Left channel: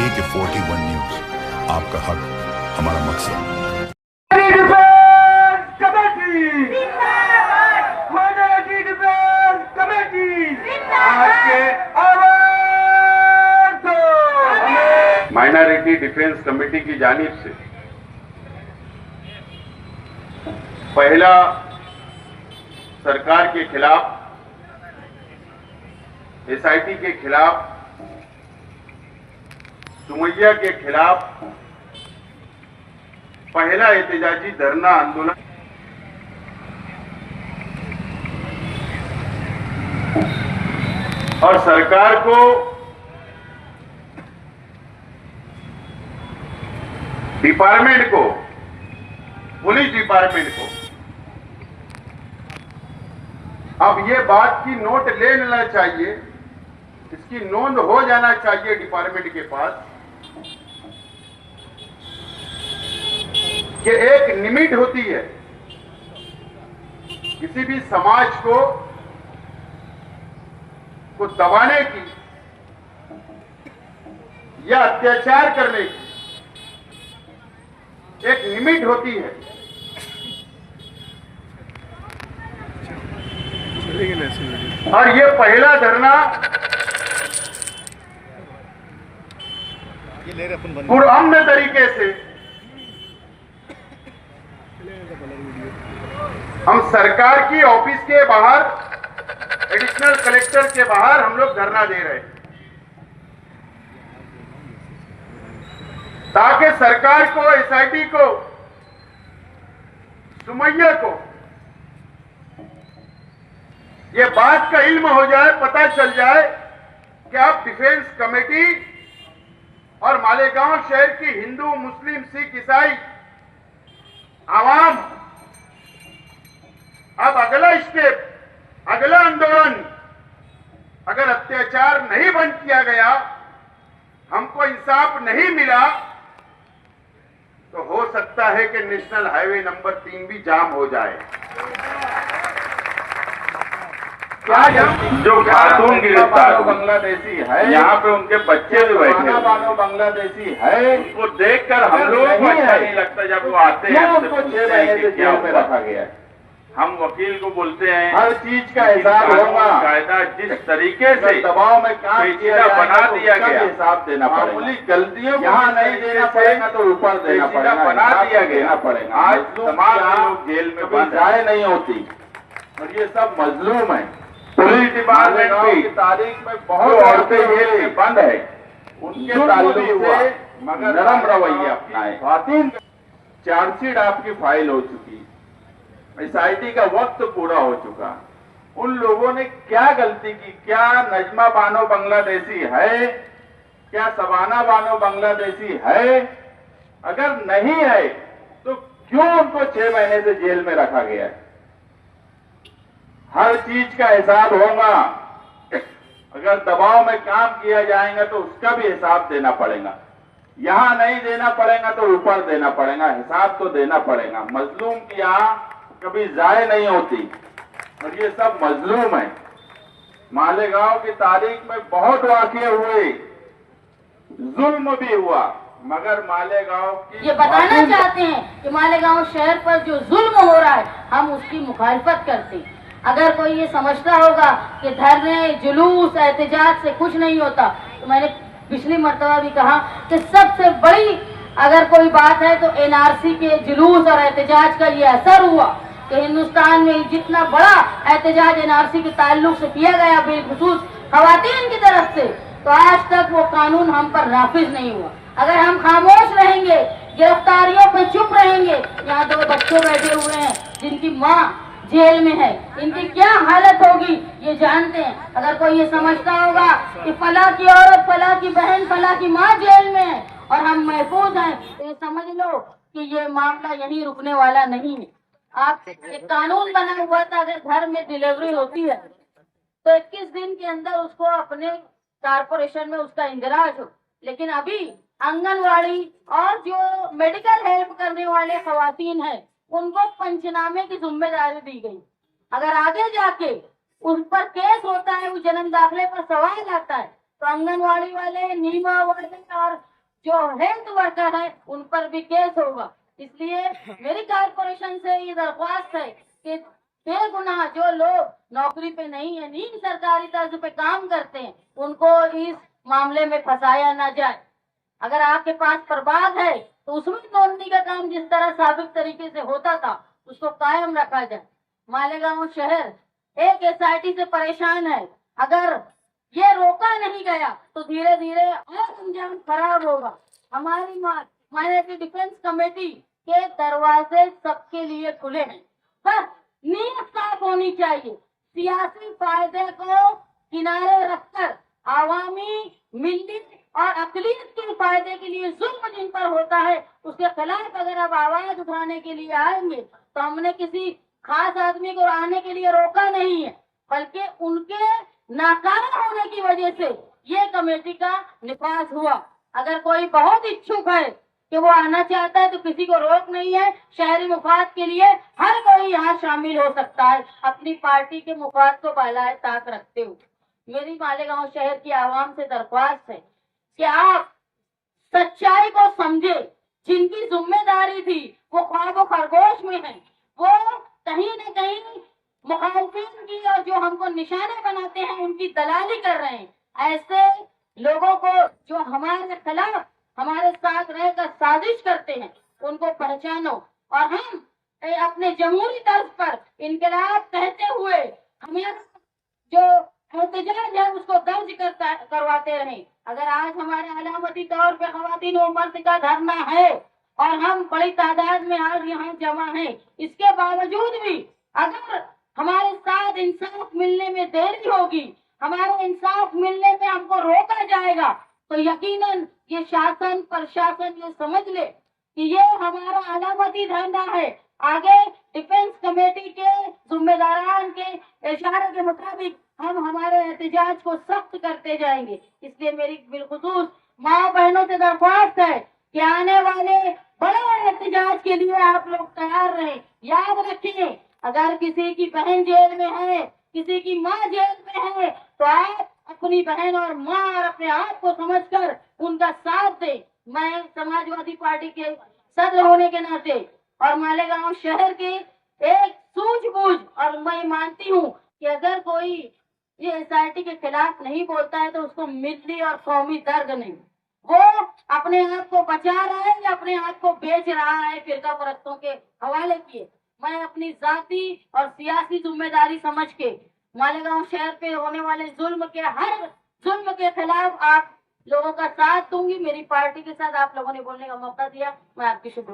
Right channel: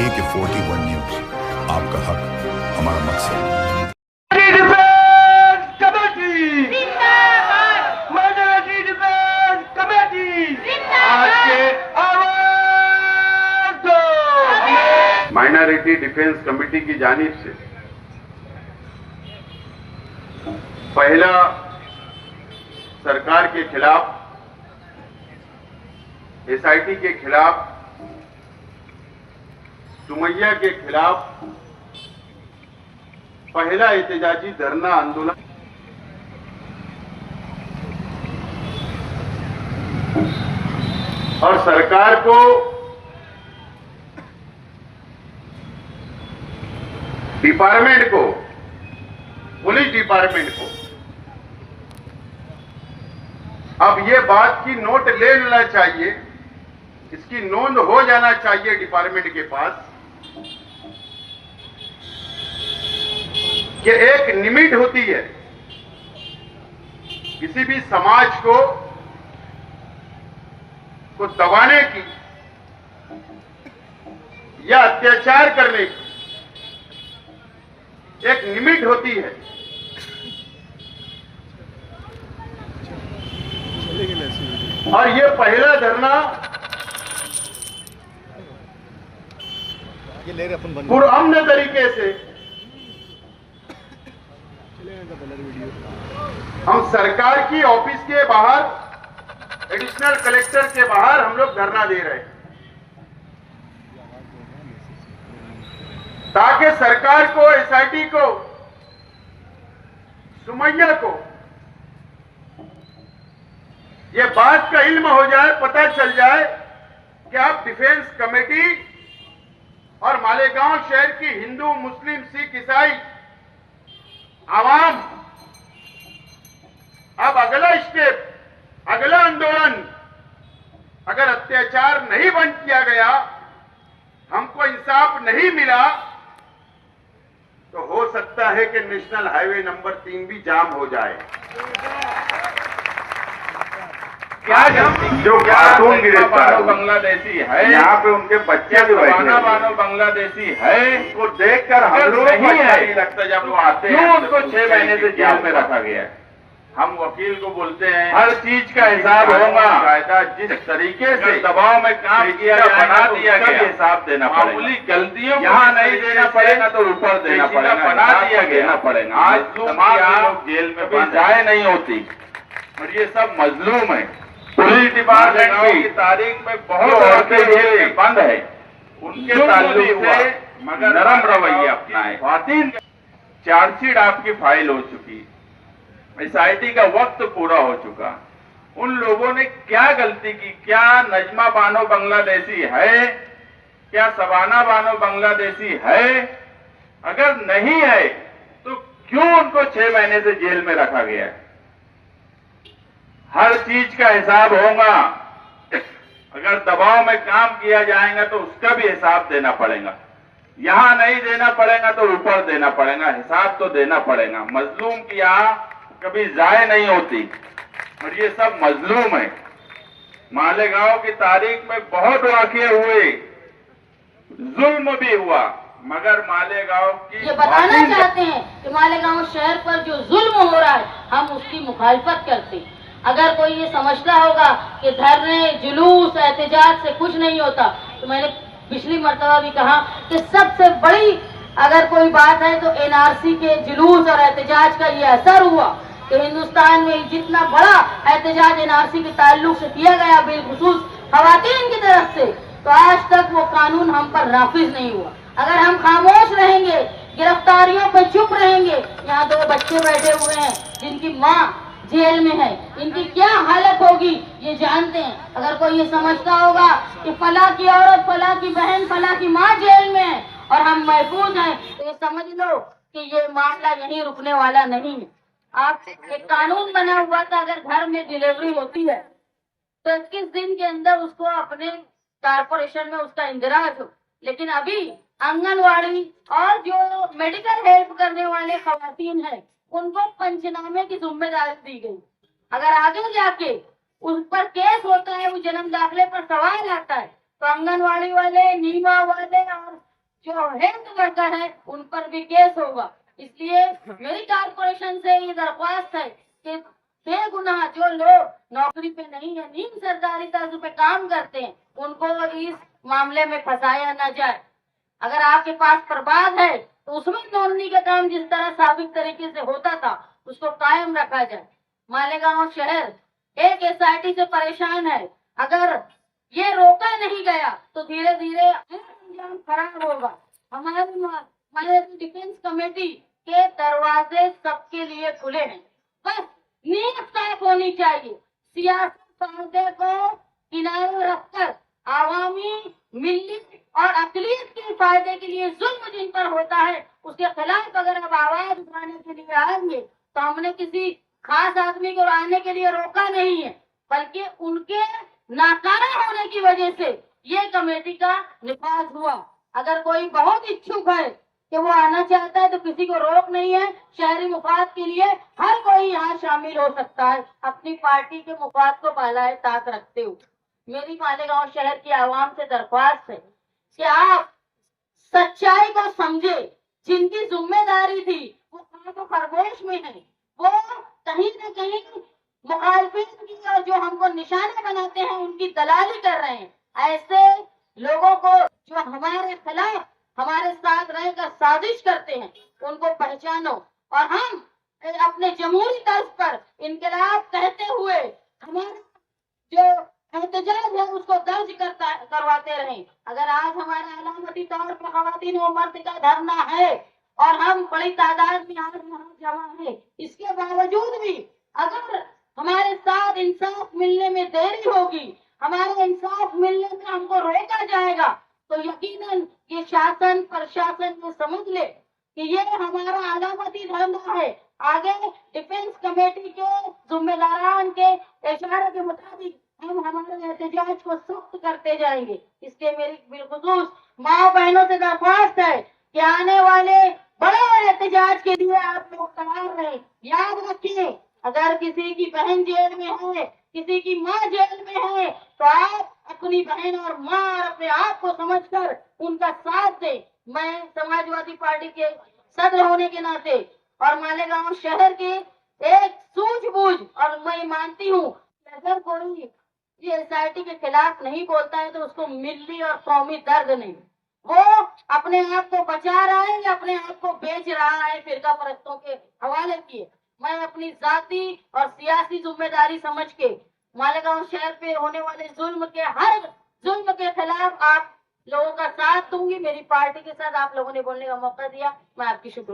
AK41 news, आपका हक हमारा मकसद। माइनॉरिटी डिफेंस कमेटी की जानिब से पहला सरकार के खिलाफ, SIT के खिलाफ, सुमैया के खिलाफ पहला एहतजाजी धरना आंदोलन और सरकार को डिपार्टमेंट को, पुलिस डिपार्टमेंट को अब ये बात की नोट ले लेना चाहिए, इसकी नोंद हो जाना चाहिए डिपार्टमेंट के पास कि एक लिमिट होती है किसी भी समाज को दबाने की या अत्याचार करने की एक लिमिट होती है। और ये पहला धरना पुरअमन तरीके से हम सरकार की ऑफिस के बाहर, एडिशनल कलेक्टर के बाहर हम लोग धरना दे रहे हैं ताकि सरकार को, SIT को, सुमैया को ये बात का इल्म हो जाए, पता चल जाए कि आप डिफेंस कमेटी और मालेगांव शहर की हिंदू, मुस्लिम, सिख, ईसाई आवाम अब अगला स्टेप, अगला आंदोलन अगर अत्याचार नहीं बंद किया गया, हमको इंसाफ नहीं मिला, तो हो सकता है कि नेशनल हाईवे नंबर 3 भी जाम हो जाए। क्या जो खातून गिरफ्तार बांग्लादेशी है, यहाँ पे उनके बच्चे भी बैठे बानो बांग्लादेशी है, उनको देखकर हम लोगों को अच्छा नहीं लगता जब वो आते हैं। उनको 6 महीने से जेल में रखा गया है। हम वकील को बोलते हैं हर चीज का हिसाब होगा, कायदा जिस तरीके से दबाव में काम किया बना दिया गया, हिसाब देना पड़ेगा। मामूली गलतियों यहाँ नहीं देना पड़ेगा तो ऊपर देना पड़ेगा, बना दिया देना पड़ेगा। आज तमाम लोग जेल में बंद जाए नहीं होती और ये सब मजलूम है। पुलिस डिपार्टमेंट की तारीख में बहुत औरतें जेल में बंद है, उनके ताल्लुक से मगर नरम रवैया अपनाए। खातिन चार्जशीट आपकी फाइल हो चुकी, SIT का वक्त पूरा हो चुका। उन लोगों ने क्या गलती की? क्या नजमा बानो बांग्लादेशी है? क्या सबाना बानो बांग्लादेशी है? अगर नहीं है तो क्यों उनको 6 महीने से जेल में रखा गया है? हर चीज का हिसाब होगा। अगर दबाव में काम किया जाएगा तो उसका भी हिसाब देना पड़ेगा। यहां नहीं देना पड़ेगा तो ऊपर देना पड़ेगा, हिसाब तो देना पड़ेगा। मजलूम की यहाँ कभी जाए नहीं होती और ये सब मजलूम है। मालेगांव की तारीख में बहुत वाक़ये हुए, जुल्म भी हुआ, मगर मालेगांव की ये बताना चाहते हैं कि मालेगांव शहर पर जो जुल्म हो रहा है हम उसकी मुखालफत करते हैं। अगर कोई ये समझता होगा कि धरने, जुलूस, एहतजाज से कुछ नहीं होता, तो मैंने पिछली मर्तबा भी कहा कि सबसे बड़ी अगर कोई बात है तो NRC के जुलूस और एहतजाज का ये असर हुआ कि हिंदुस्तान में जितना बड़ा एहतजाज NRC के ताल्लुक से किया गया, बिलखुसूस खवातीन की तरफ से, तो आज तक वो कानून हम पर नाफिज नहीं हुआ। अगर हम खामोश रहेंगे, गिरफ्तारियों पे चुप रहेंगे, यहाँ 2 बच्चे बैठे हुए हैं जिनकी माँ जेल में है, इनकी क्या हालत होगी ये जानते हैं। अगर कोई ये समझता होगा कि फला की औरत, फला की बहन, फला की माँ जेल में है और हम महफूज हैं, तो ये समझ लो कि ये मामला यहीं रुकने वाला नहीं है। आप एक कानून बना हुआ था, अगर घर में डिलीवरी होती है तो 21 दिन के अंदर उसको अपने कारपोरेशन में उसका इंदराज हो, लेकिन अभी आंगनवाड़ी और जो मेडिकल हेल्प करने वाले खवातीन हैं उनको पंचनामे की जिम्मेदारी दी गई। अगर आगे जाके उस पर केस होता है, वो जन्म दाखिले पर सवाल आता है, तो आंगनवाड़ी वाले, नीमा वाले और जो हेल्थ वर्कर है उन पर भी केस होगा। इसलिए मेरी कारपोरेशन से ये दरख्वास्त है कि बेगुनाह जो लोग नौकरी पे नहीं है, नीम सरकारी तर्ज पे काम करते हैं, उनको इस मामले में फंसाया न जाए। अगर आपके पास प्रबाद है तो उसमें नोंदनी का काम जिस तरह साबिक तरीके से होता था उसको कायम रखा जाए। मालेगांव शहर एक एसआईटी से परेशान है। अगर ये रोका नहीं गया तो धीरे धीरे और अंजाम खराब होगा। हमारी माइनॉरिटी डिफेंस कमेटी के दरवाजे सबके लिए खुले हैं, बस नीयत साफ होनी चाहिए। सियासी फायदे को किनारे रखकर आवामी, मिली और अकलियत के फायदे के लिए जुल्म जिन पर होता है उसके खिलाफ अगर अब आवाज उठाने के लिए आएंगे तो हमने किसी खास आदमी को आने के लिए रोका नहीं है, बल्कि उनके नाकारा होने की वजह से ये कमेटी का निफाज हुआ। अगर कोई बहुत इच्छुक है कि वो आना चाहता है तो किसी को रोक नहीं है। शहरी मुफाद के लिए हर कोई यहाँ शामिल हो सकता है, अपनी पार्टी के मुफाद को बालाए ताक रखते हुए। मेरी मालेगांव शहर की आवाम से दरख्वास्त है कि आप सच्चाई को समझे। जिनकी जिम्मेदारी थी वो ख्वाब खरगोश में है, वो कहीं न कहीं मुखालफिन की और जो हमको निशाने बनाते हैं उनकी दलाली कर रहे हैं। ऐसे लोगों को जो हमारे खिलाफ हमारे साथ रहकर साजिश करते हैं उनको पहचानो और हम अपने जमहूरी तर्ज पर इनकलाब कहते हुए हमारा जो एहतजाज है उसको दर्ज करवाते रहें। अगर आज हमारा अलामती तौर पे खवातीन व मर्द का धरना है और हम बड़ी तादाद में आज यहाँ जमा हैं, इसके बावजूद भी अगर हमारे साथ इंसाफ मिलने में देरी होगी, हमारा इंसाफ मिलने में हमको रोका जाएगा, तो यकीनन ये शासन प्रशासन ये समझ ले कि ये हमारा अलामती धरना है। आगे डिफेंस कमेटी के जिम्मेदारान के इशारे के मुताबिक हम हमारे एहतजाज को सख्त करते जाएंगे। इसलिए मेरी बिलखुसूस माँ बहनों से दरख्वास्त है कि आने वाले बड़े एहतजाज के लिए आप लोग तैयार रहें। याद रखें, अगर किसी की बहन जेल में है, किसी की माँ जेल में है, तो आप अपनी बहन और माँ और अपने आप को समझकर उनका साथ दें। मैं समाजवादी पार्टी के सदर होने के नाते और मालेगांव शहर के एक सूझबूझ, और मैं मानती हूँ कि अगर कोई ये एसआईटी के खिलाफ नहीं बोलता है तो उसको मिली और कौमी दर्द नहीं, वो अपने आप को बचा रहा है या अपने आप को बेच रहा है फिरका परस्तों के हवाले किए। मैं अपनी जाती और सियासी जिम्मेदारी समझ के मालेगांव शहर पे होने वाले हर जुल्म के खिलाफ आप लोगों का साथ दूंगी। मेरी पार्टी के साथ आप लोगों ने बोलने का मौका दिया, मैं आपकी शुक्रिया।